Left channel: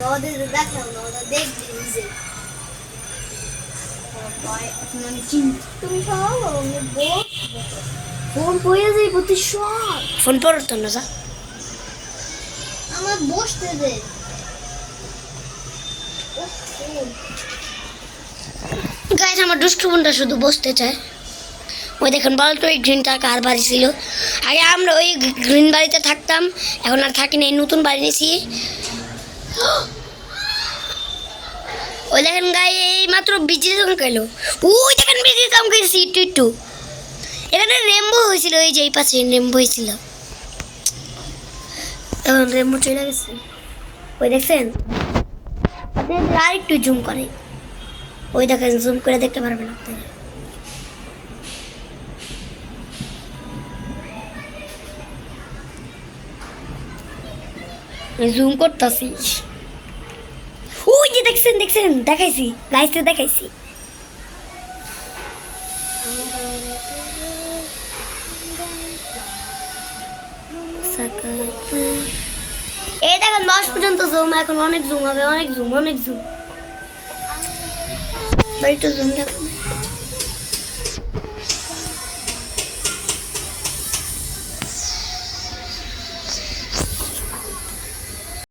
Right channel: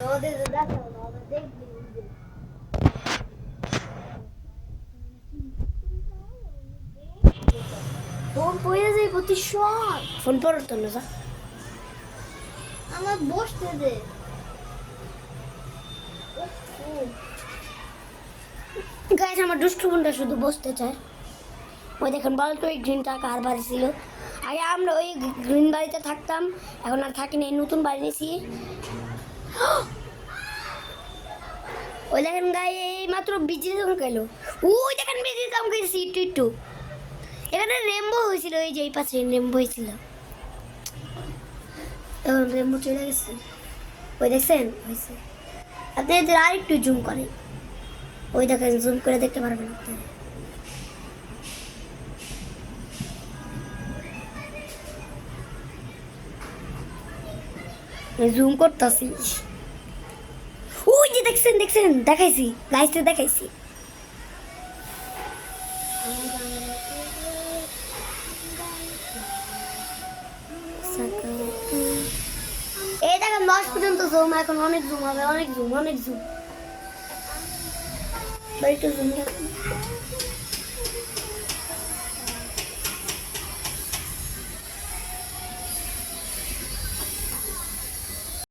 ওদের দেখাও না, ওরা দেখবে নিজে। মানে চিন্তা তুমি সব ফোন পড়ে যাই প্রতি সব ফোন পড়তো না যা আমার বসতে দে। গাইস আমার দুষ্টু বোনটা শুধু বসতে চায়। ওই দেখুন বলতো ওই গ্রিনটা কার বাড়ি ছিল। আগে আমরা ওই গ্রিন বাড়িতে থাকতাম, এখন আর থাকি না, এই নতুন বাড়ি নিয়েছি। ওই দেখেন গাই এই মাত্র বিজি চমকাইলো। ওই দেখেন বিজি চমকাইছি একটু একটু। এখানে রেমবো হয়েছিল, ওই যে এই পাশে রেমবো হয়েছিল, এখন রেমবো চলে গেছে। ওই দেখছেন আর একটু জুম করে, ওই দেখেন জুম করে দেখতে পারবেন আপনারা। জুম করতেছি, ওই যে দেখছেন দেখছেন দেখাইছি গাইছে দেখাইছি। এই দেখেন 10 পর্যন্ত জুম, এখন অনেক জুম হবে, অনেক জুম অনেক জুম। একটু জুম দেখুন।